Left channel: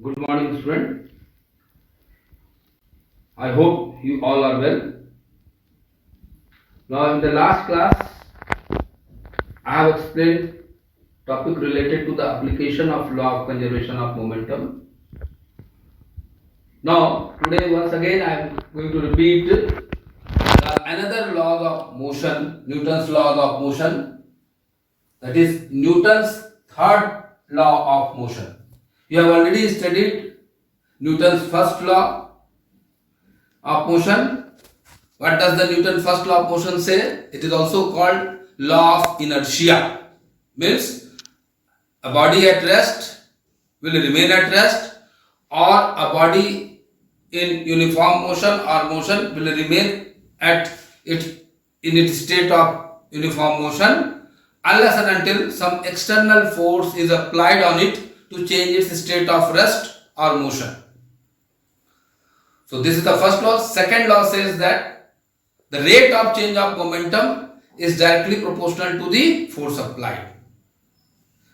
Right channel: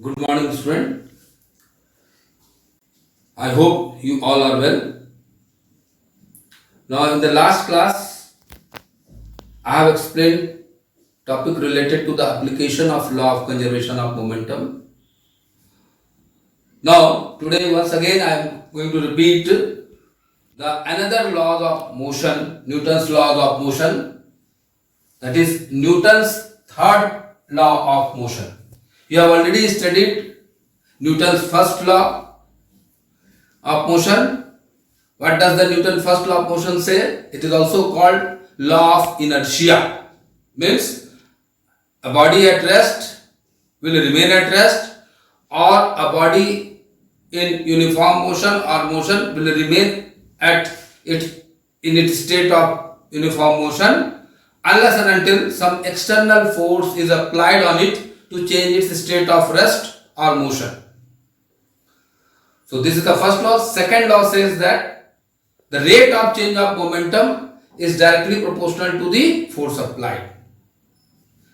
Good morning, student. I hope you all are well. Now, in the last class, I have explained topic related to the application of law of conservation of momentum. Now, today once again I am going to repeat another law of motion, Newton's law of motion, that is Newton's third law of motion. You have already studied Newton's first law of motion. What does the Newton first law of motion say? It is also called law of inertia. Means a body at rest will remain at rest, or a body in uniform motion or motion will remain at its state of uniform motion unless and until some external force is applied on it to change its state of rest or motion. So this is the first law. Second law says that the rate of change of momentum is directly proportional to the force applied.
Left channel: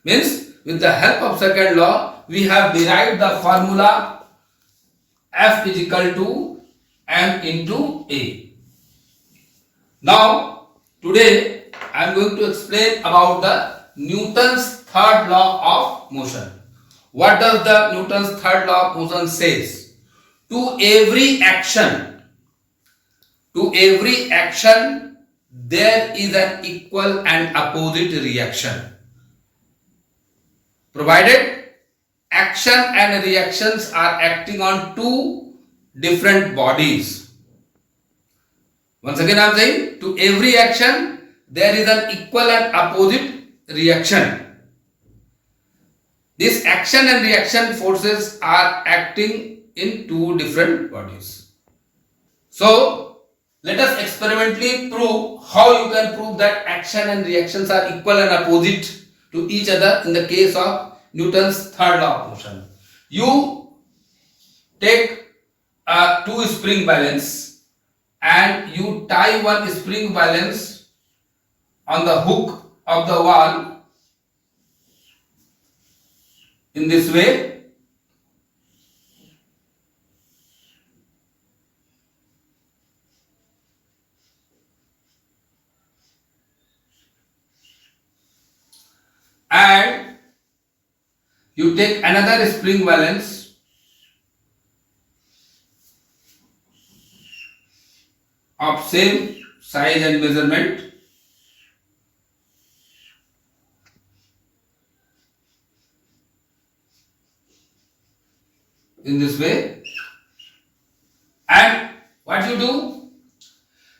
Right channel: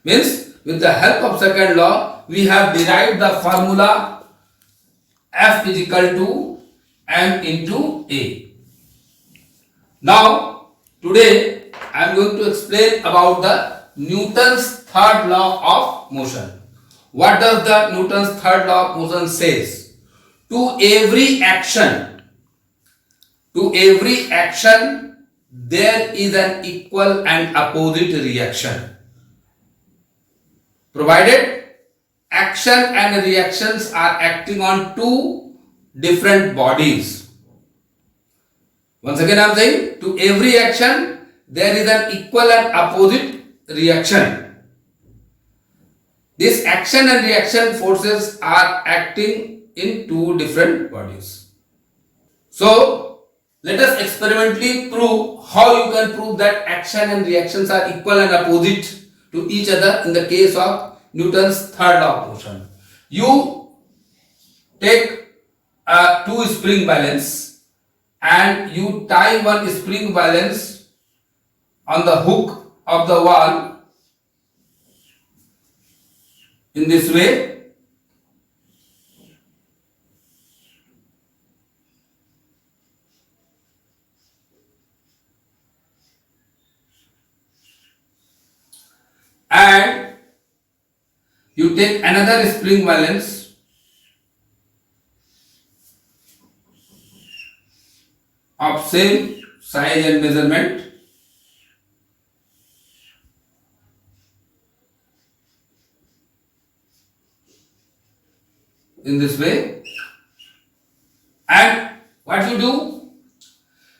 Means with the help of second law, we have derived the formula F is equal to m into A. Now, today I am going to explain about the Newton's third law of motion. What does the Newton's third law of motion says? To every action, there is an equal and opposite reaction. Provided action and reactions are acting on two different bodies. Once again I am saying, to every action there is an equal and opposite reaction. This action and reaction forces are acting in two different bodies. So let us experimentally prove how you can prove that action and reactions are equal and opposite to each other in the case of Newton's third law of motion. You take two spring balance and you tie one spring balance on the hook of the wall in this way. And you take another spring balance of same size and measurement in this way, and what you do?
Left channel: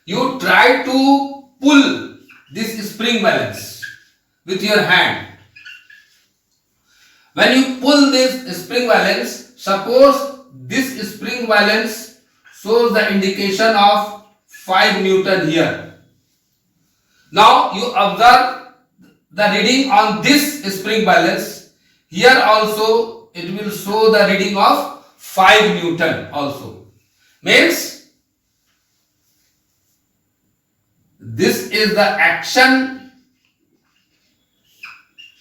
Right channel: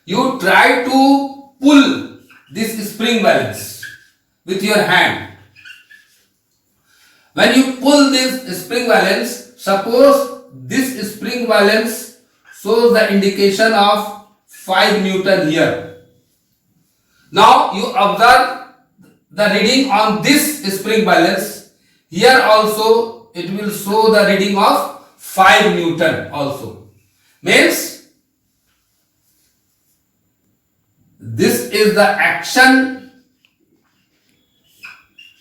You try to pull this spring balance with your hand. When you pull this spring balance, suppose this spring balance shows the indication of 5 Newton here. Now you observe the reading on this spring balance. Here also it will show the reading of 5 Newton also. Means this is the action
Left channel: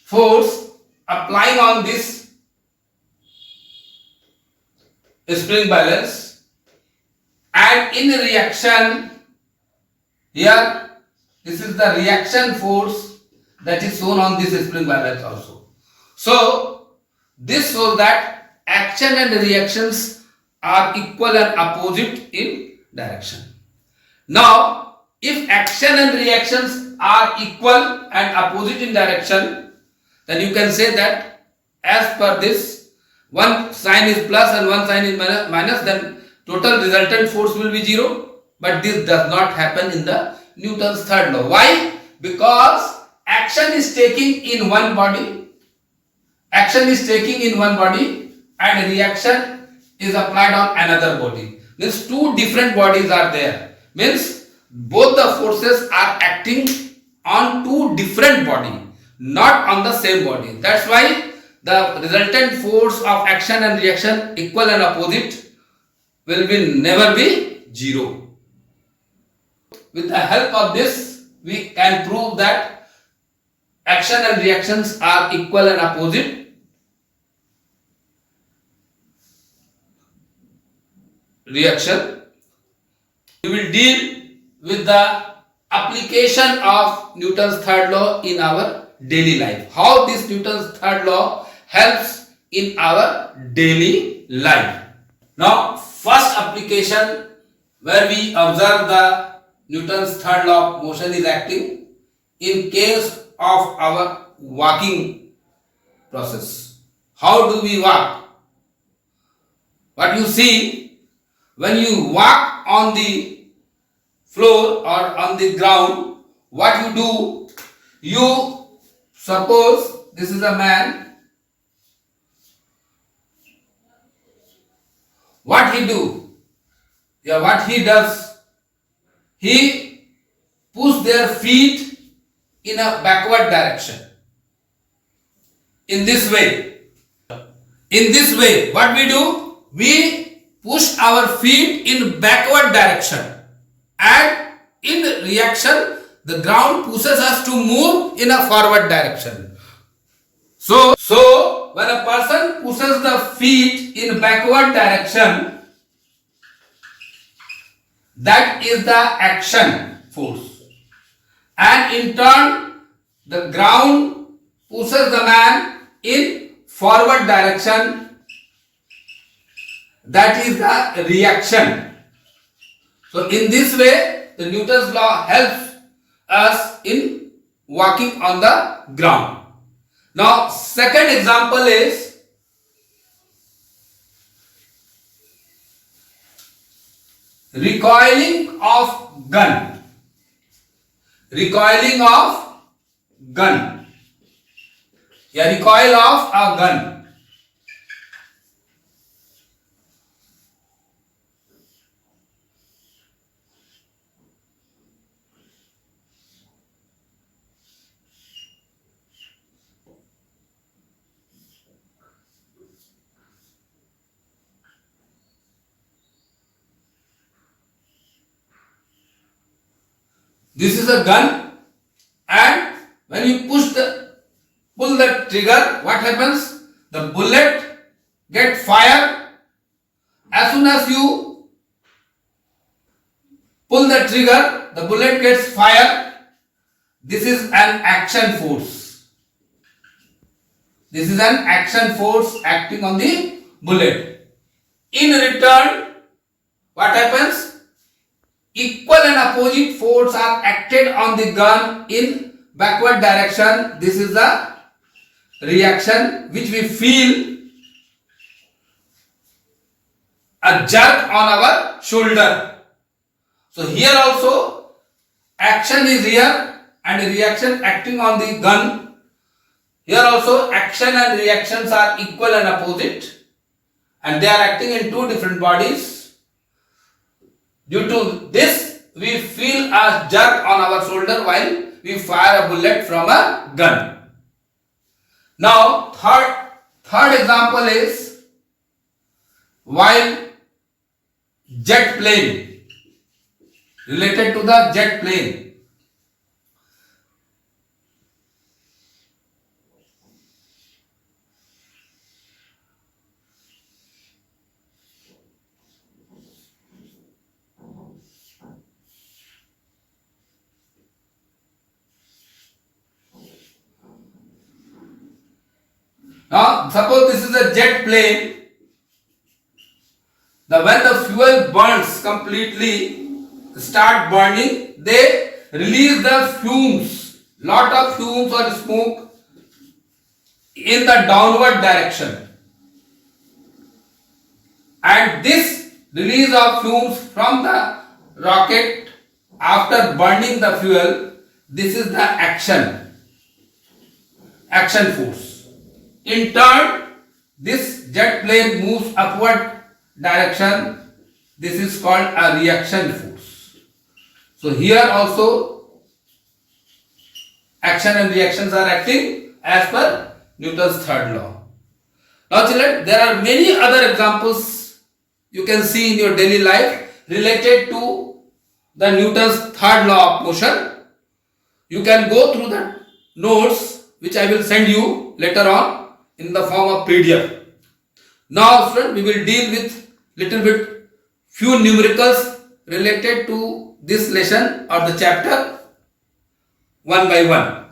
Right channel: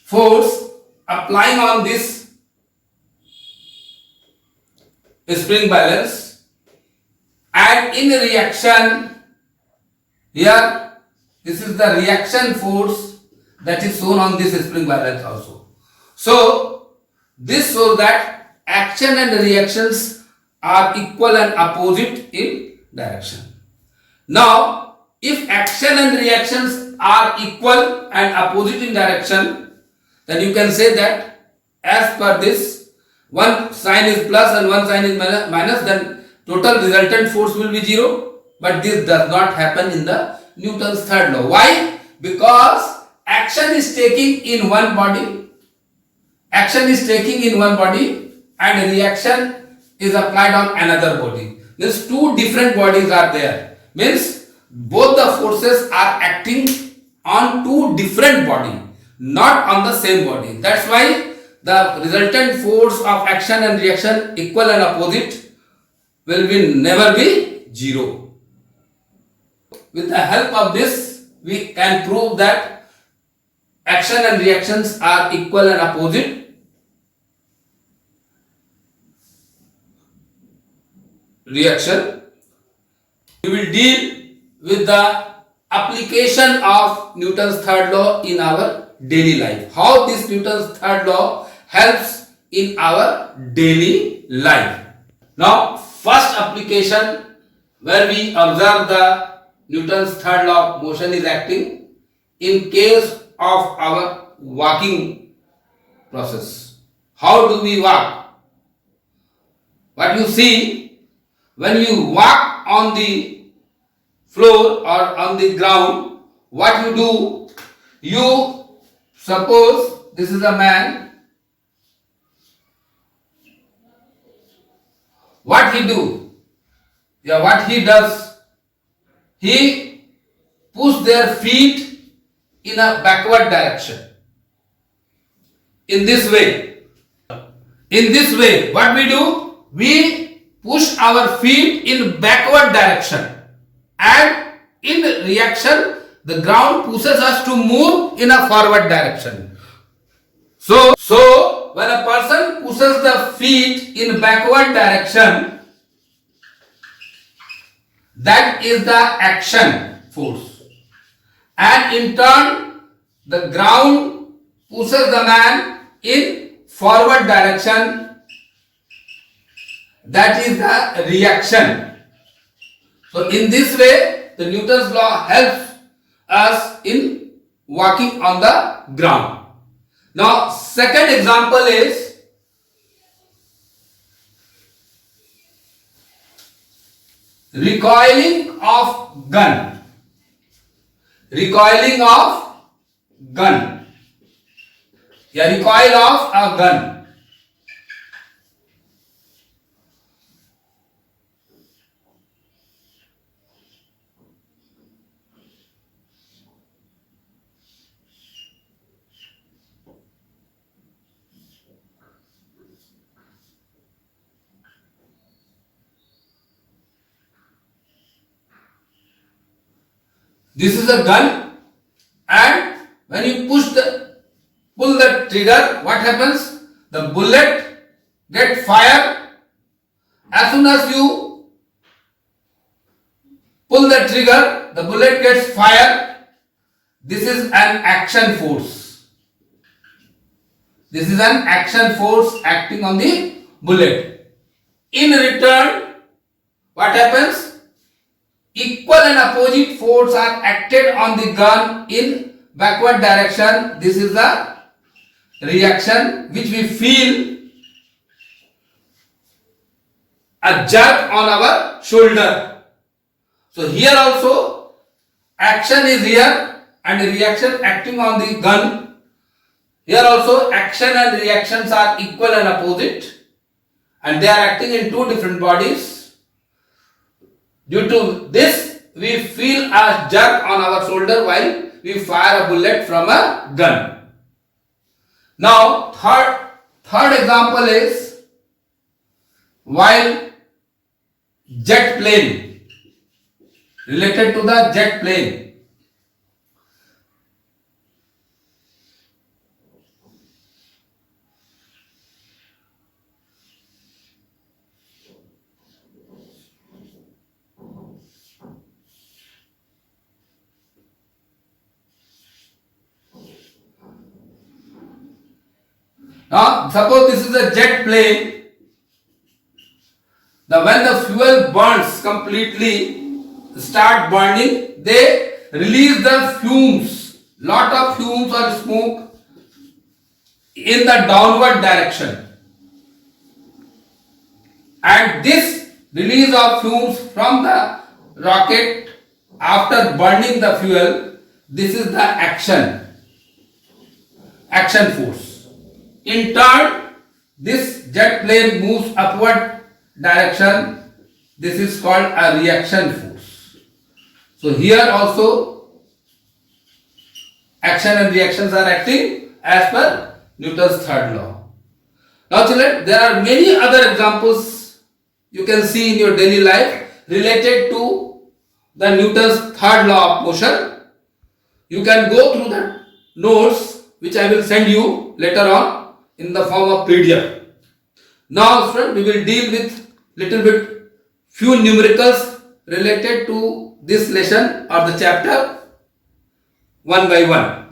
force applying on this spring balance, and in reaction here this is the reaction force that is shown on this spring balance also. So this shows that action and reactions are equal and opposite in direction. Now if action and reactions are equal and opposite in direction, then you can say that as per this, one sign is plus and one sign is minus, then total resultant force will be 0. But this does not happen in the Newton's third law. Why? Because action is taking in one body, and reaction is applied on another body. Means two different bodies are there. Means both the forces are acting on two different bodies, not on the same body. That's why the resultant force of action and reaction, equal and opposite, will never be 0. With the help of this, we can prove that action and reactions are equal and opposite reaction. We will deal with the application of Newton's third law in our daily life. How this Newton's third law helps in our daily life. Now, first application where we observe the Newton's third law of motion is acting in case of our walking process. How do we walk? What you see, when you walk on the floor or on the ground, what you do, you suppose this is a man. What he do? Yeah, what he does, he push their feet in a backward direction. In this way. In this way, what we do? We push our feet in backward direction. And in reaction, the ground pushes us to move in a forward direction. So when a person pushes the feet in backward direction, that is the action force. And in turn, the ground pushes the man in forward direction, that is the reaction. So in this way, the Newton's law helps us in walking on the ground. Now, second example is recoiling of gun. Recoiling of gun. Yeah, recoil of a gun. This is a gun, and when you pull the trigger, what happens? The bullet gets fired. As soon as you pull the trigger, the bullet gets fired. This is an action force. This is an action force acting on the bullet. In return, what happens? Equal and opposite force are acted on the gun in backward direction. This is the reaction which we feel a jerk on our shoulder. So here also action is here and reaction acting on the gun. Here also action and reactions are equal and opposite, and they are acting in two different bodies. Due to this, we feel a jerk on our shoulder while we fire a bullet from a gun. Now, third example is while jet plane, related to the jet plane. Now, suppose this is a jet plane. When the fuel burns completely, start burning, they release the fumes, lot of fumes or smoke in the downward direction. And this release of fumes from the rocket after burning the fuel, this is the action force. In turn, this jet plane moves upward direction. This is called a reaction force. So here also action and reactions are acting as per Newton's third law. Now children, there are many other examples you can see in your daily life related to the Newton's third law of motion. You can go through the notes which I will send you later on in the form of PDF. Now, friend, we will deal with little bit few numericals related to this lesson or the chapter one by one.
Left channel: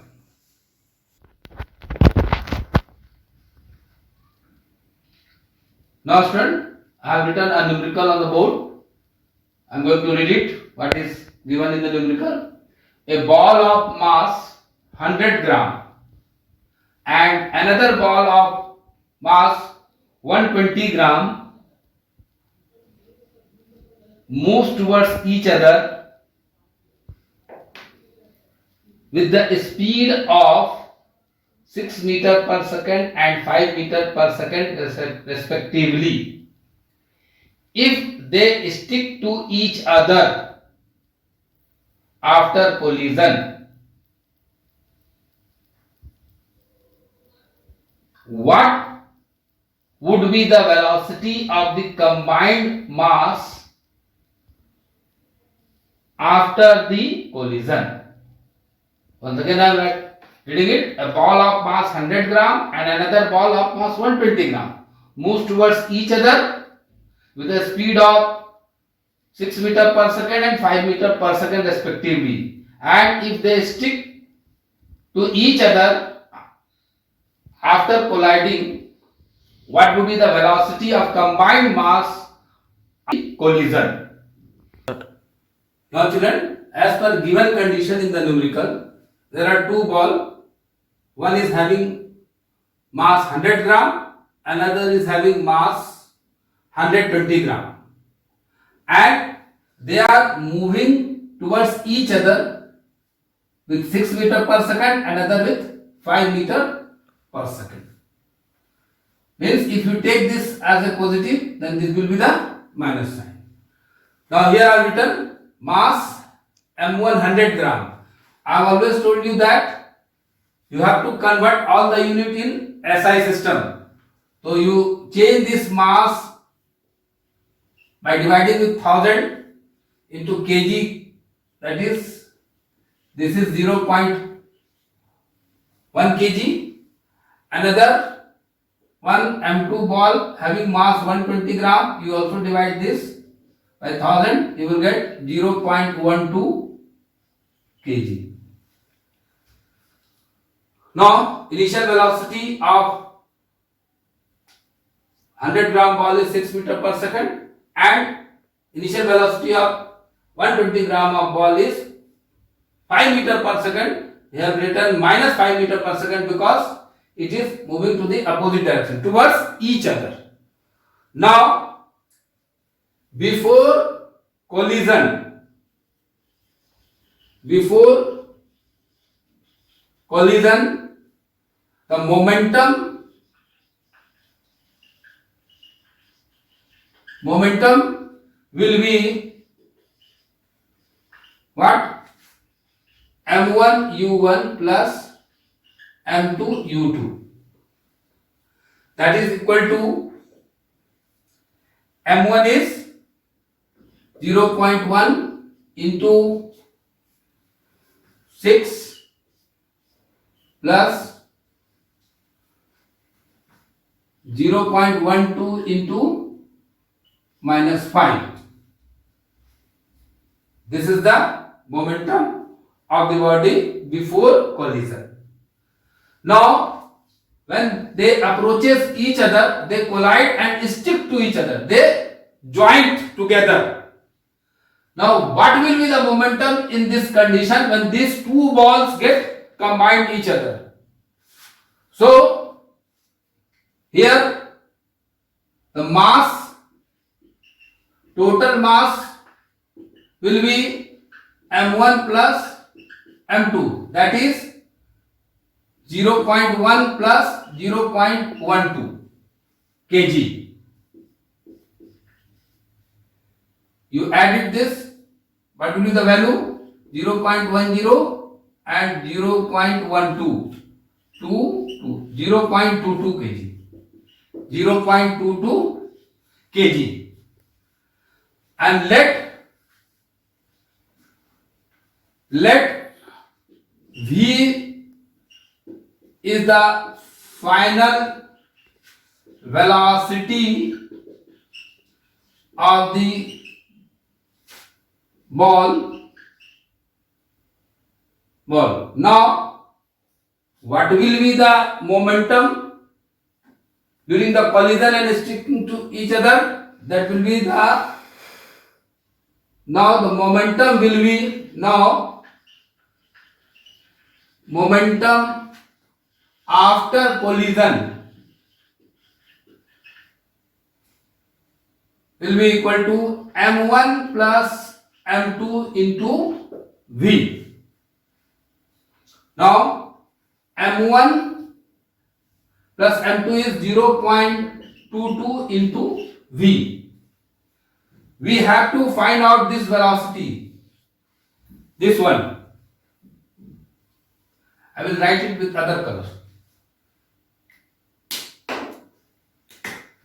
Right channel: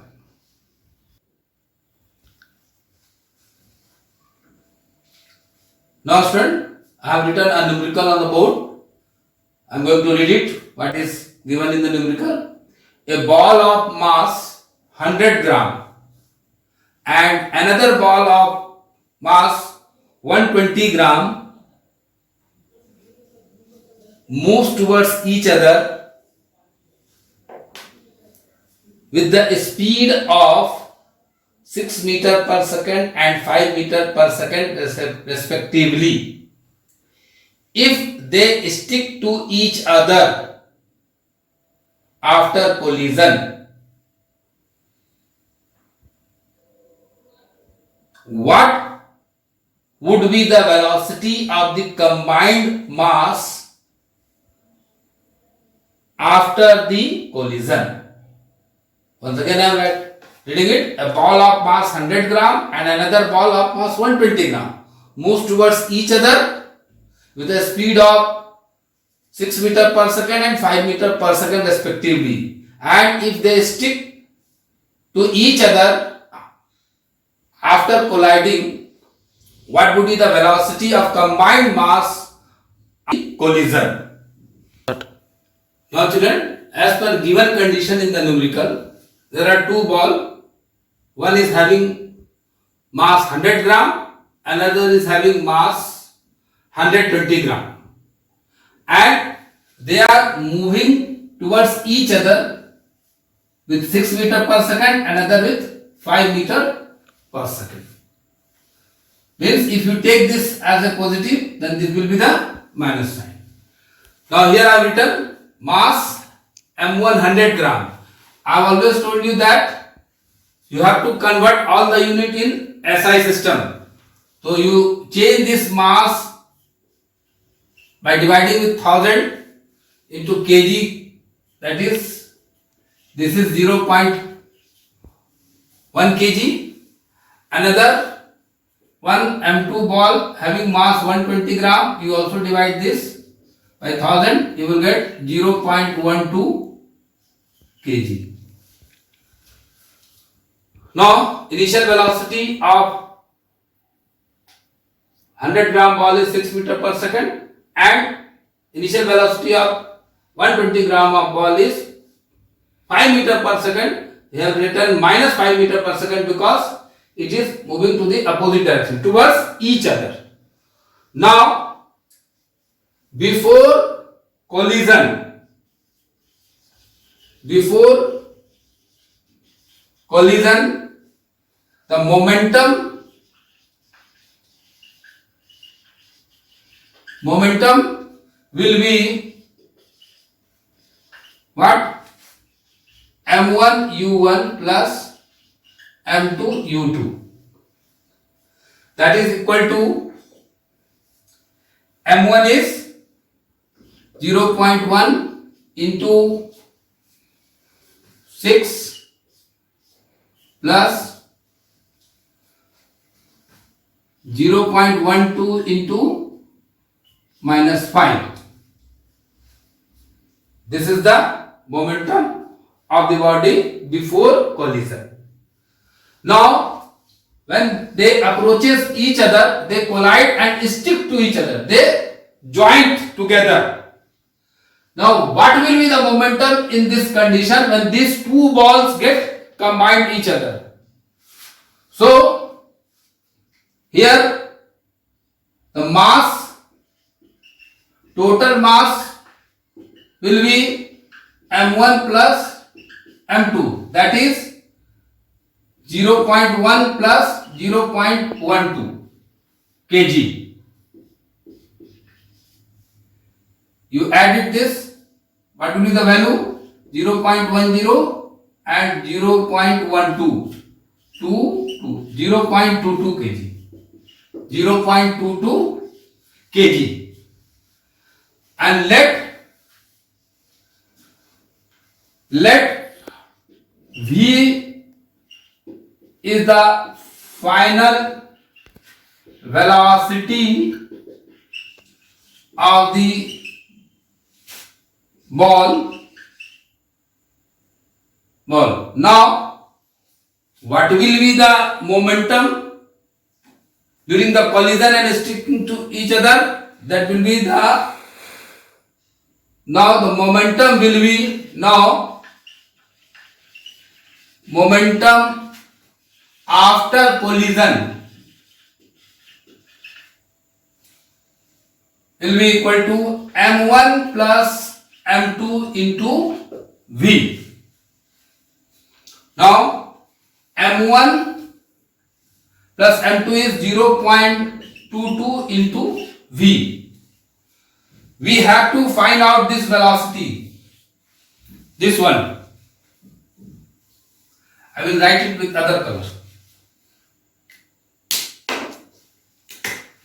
Now student, I have written a numerical on the board. I am going to read it. What is given in the numerical? A ball of mass 100 gram and another ball of mass 120 gram moves towards each other with the speed of 6 meter per second and 5 meter per second respectively. If they stick to each other after collision, what would be the velocity of the combined mass after the collision? Once again I am reading it. A ball of mass 100 gram and another ball of mass 120 gram moves towards each other with a speed of 6 meter per second and 5 meter per second respectively. And if they stick to each other after colliding, what would be the velocity of combined mass collision? Now children, as per given condition in the numerical, there are two balls. One is having mass 100 gram, another is having mass 120 gram. And they are moving towards each other with 6 meter per second, another with 5 meter per second. Means if you take this as a positive, then this will be the minus sign. Now here I have written mass M1 100 gram. I have always told you that you have to convert all the unit in SI system. So you change this mass by dividing with 1000 into kg, that is, this is 0.1 kg. Another one M2 ball having mass 120 gram, you also divide this by 1000, you will get 0.12 kg. Now, initial velocity of 100 gram ball is 6 meter per second and initial velocity of 120 gram of ball is 5 meter per second. We have written minus 5 meter per second because it is moving to the opposite direction towards each other. Now, before collision, the momentum will be what? M1 U1 plus M2 U2. That is equal to M1 is 0.1 into 6 plus 0.12 into minus 5. This is the momentum of the body before collision. Now, when they approaches each other, they collide and stick to each other. They joint together. Now, what will be the momentum in this condition when these two balls get combined each other? So, here the mass, total mass will be M1 plus M2, that is 0.1 plus 0.12 kg. You added this, what will be the value? 0.10 and 0.12, 0.22 kg. 0.22 kg. And let V is the final velocity of the ball. Now, what will be the momentum during the collision and sticking to each other? That will be the, now the momentum will be, now momentum after collision will be equal to m1 plus m2 into v. Now m1 plus m2 is 0.22 into v. We have to find out this velocity, this one. I will write it with other colors.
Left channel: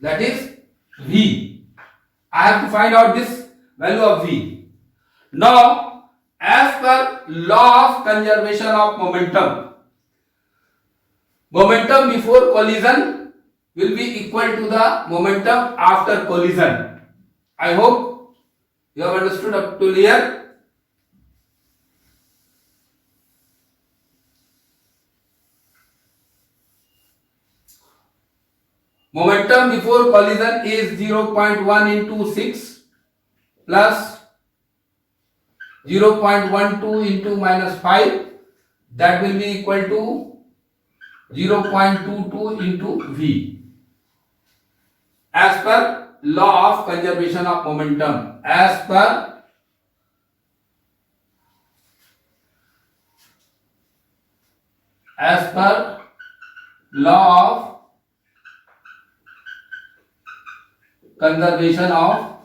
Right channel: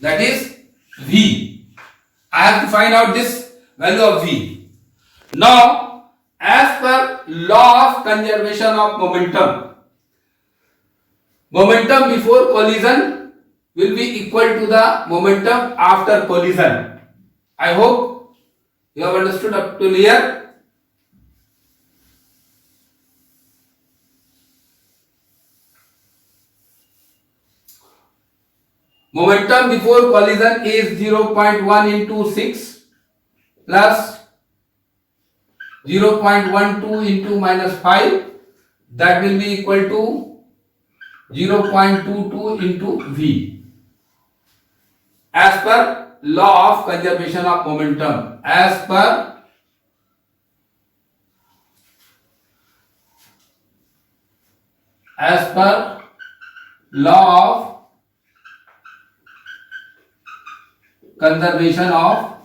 That is v. I have to find out this value of v. Now, as per law of conservation of momentum, momentum before collision will be equal to the momentum after collision. I hope you have understood up to here. Momentum before collision is 0.1 into 6 plus 0.12 into minus 5. That will be equal to 0.22 into v. As per law of conservation of momentum. As per law of conservation of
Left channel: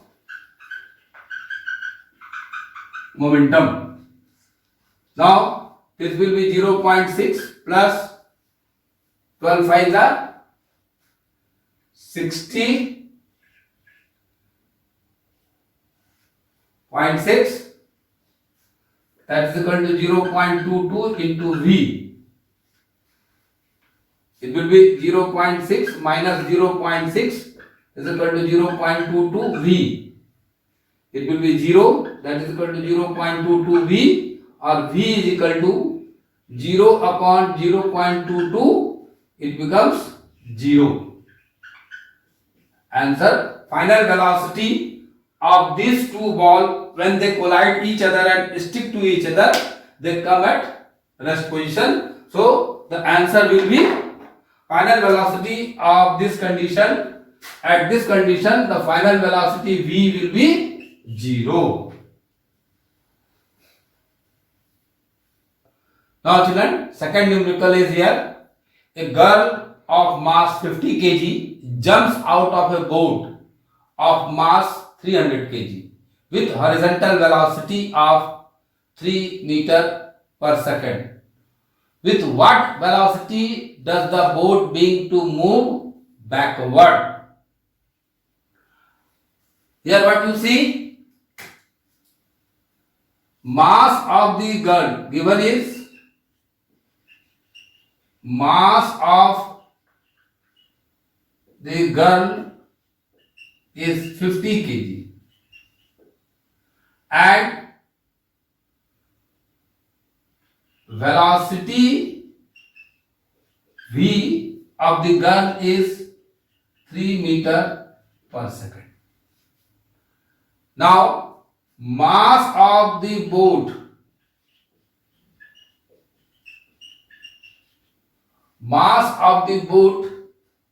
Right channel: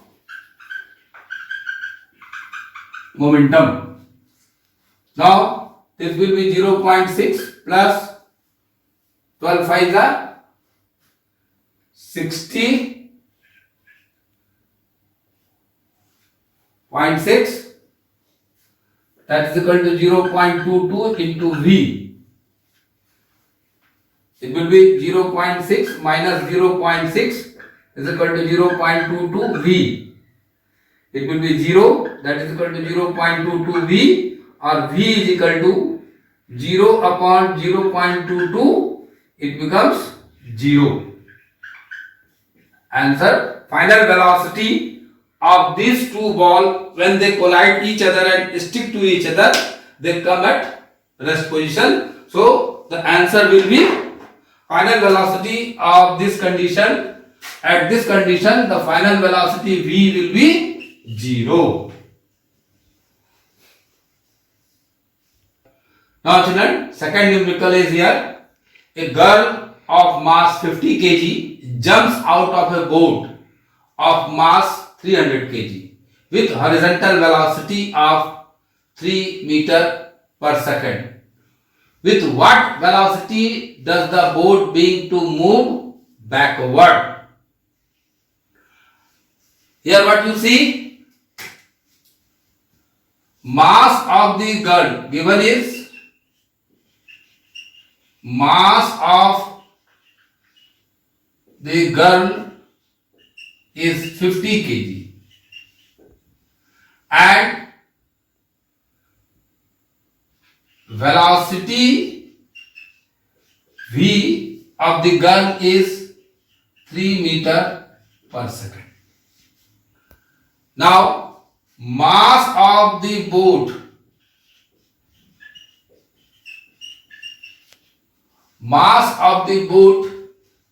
momentum. Now this will be 0.6 plus 12 5 are 60.6. That is equal to 0.22 into v. It will be 0.6 minus 0.6 is equal to 0.22 v. It will be 0, that is equal to 0.22 v, or v is equal to 0 upon 0.22, it becomes 0. Answer: final velocity of these two balls when they collide each other and stick to each other, they come at rest position. So the answer will be final velocity of this condition. At this condition, the final velocity v will be 0. Now children, second numerical is here. A girl of mass 50 kg jumps out of a boat of mass 300 kg with horizontal velocity of 3 meter per second. With what velocity does the boat begin to move backward? Here what you see? Mass of the girl given is mass of the girl is 50 kg and velocity v of the girl is 3 meter per second. Now mass of the boat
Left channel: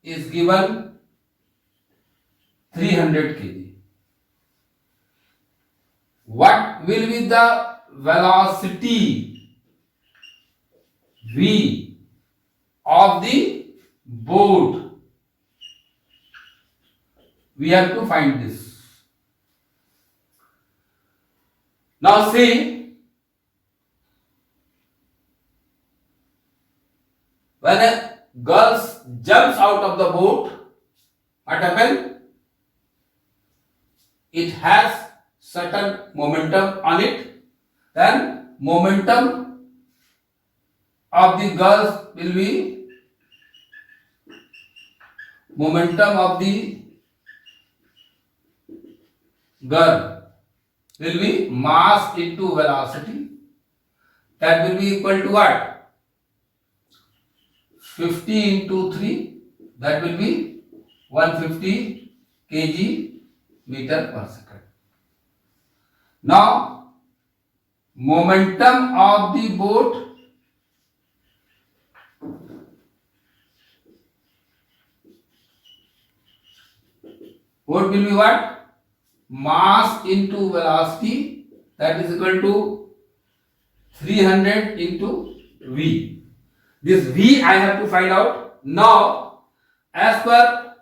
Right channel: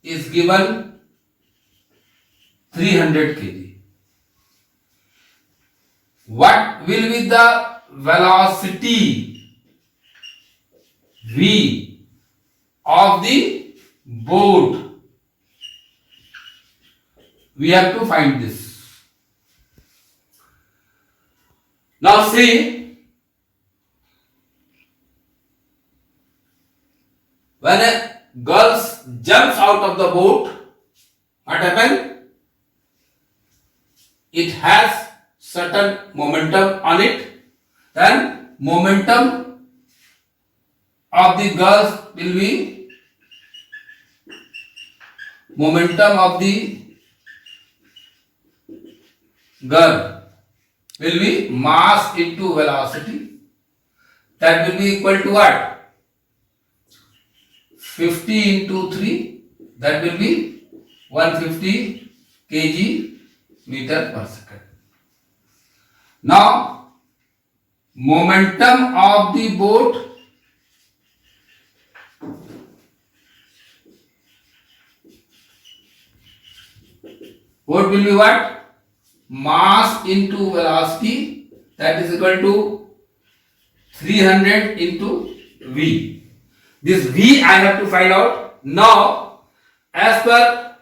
is given 300 kg. What will be the velocity v of the boat? We have to find this. Now see, when a girl jumps out of the boat, what happens? It has certain momentum on it. Then momentum of the girl will be momentum of the girl will be mass into velocity. That will be equal to what? 50 into 3. That will be 150 kg meter per second. Now, momentum of the boat will be what? Mass into velocity, that is equal to 300 into V. This V I have to find out. Now, as per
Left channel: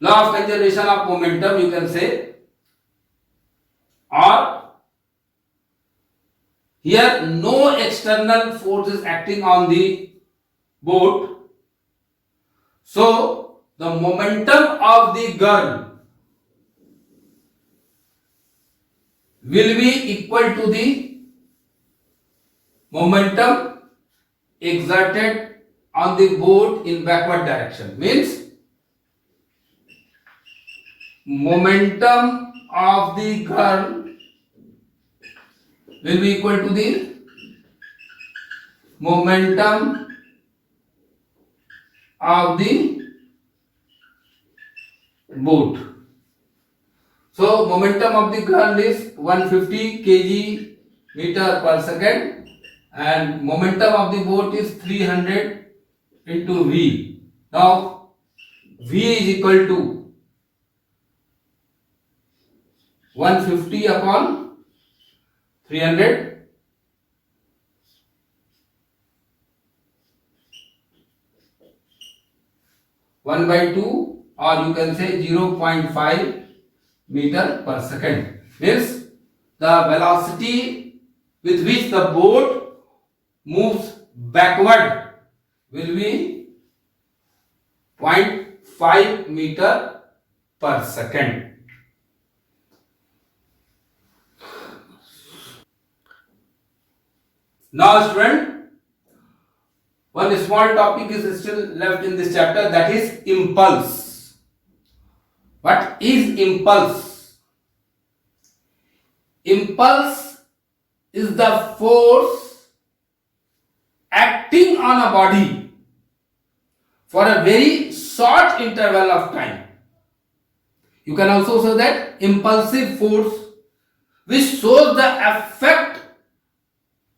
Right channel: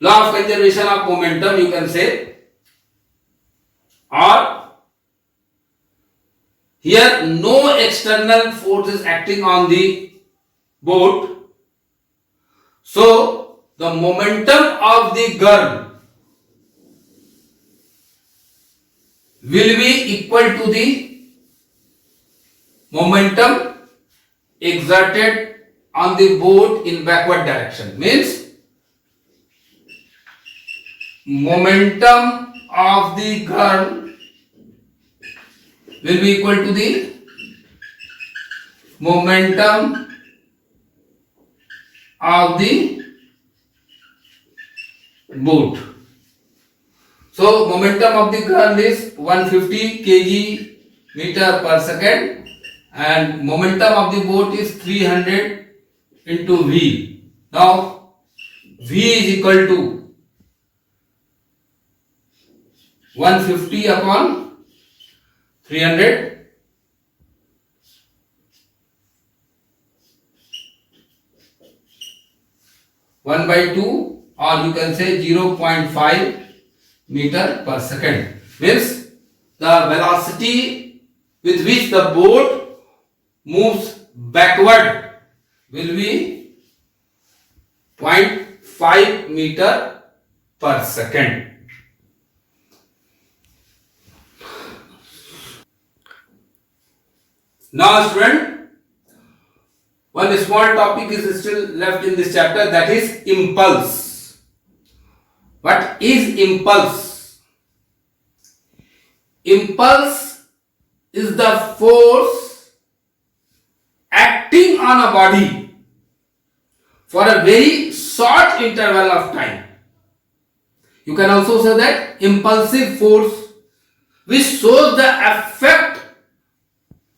law of conservation of momentum, you can say, or here no external force is acting on the boat. So, the momentum of the girl will be equal to the momentum exerted on the boat in backward direction. Means, momentum of the girl will be equal to the momentum of the boat. So, momentum of the girl is 150 kg meter per second and momentum of the boat is 300 into V. Now, V is equal to 150 upon 300. 1/2, or you can say 0.5 meter per second. Means the velocity with which the boat moves backward will be 0.5 meter per second. Now, student, one small topic is still left in this chapter, that is impulse. What is impulse? Impulse is the force acting on a body for a very short interval of time. You can also say that impulsive force which shows the effect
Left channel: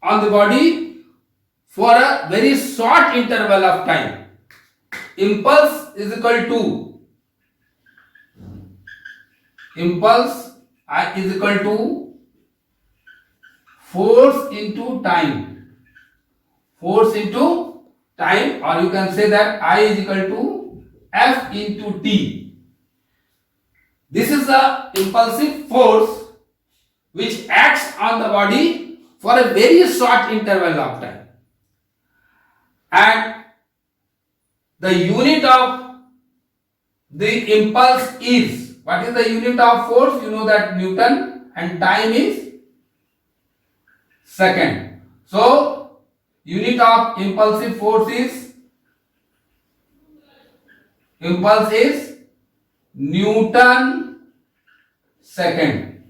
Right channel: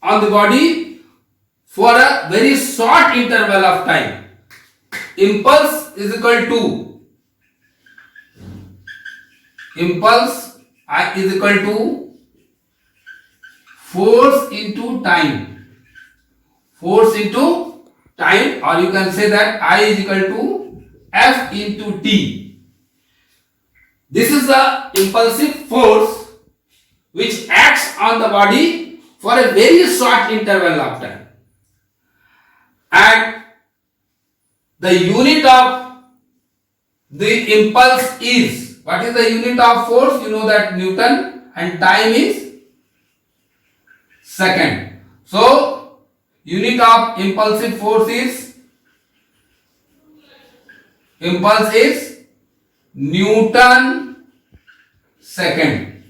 on the body for a very short interval of time. Impulse is equal to force into time. Force into time, or you can say that I is equal to F into T. This is the impulsive force which acts on the body for a very short interval of time. And the unit of the impulse is, what is the unit of force? You know that Newton, and time is second. So, unit of impulsive force is, impulse is Newton second.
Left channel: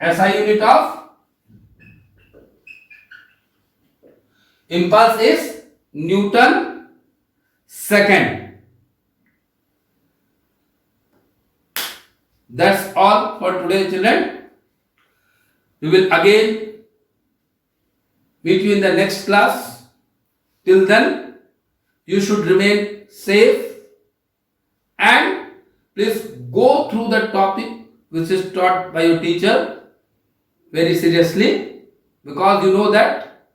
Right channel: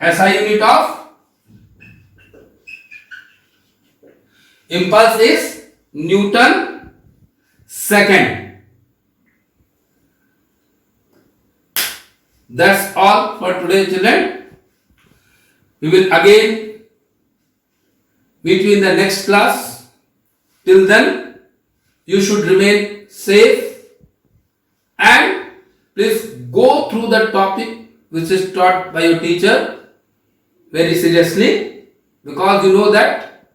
SI unit of impulse is Newton second. That's all for today, children. We will again meet you in the next class. Till then, you should remain safe and please go through the topic which is taught by your teacher very seriously, because you know that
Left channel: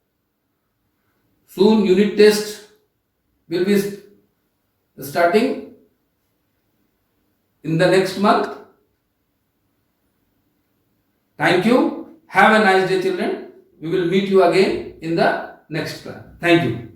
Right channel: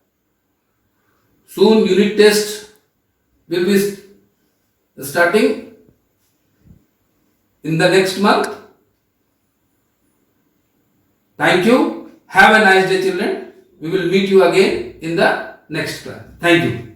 soon unit test will be starting in the next month. Thank you. Have a nice day, children. We will meet you again in the next class. Thank you.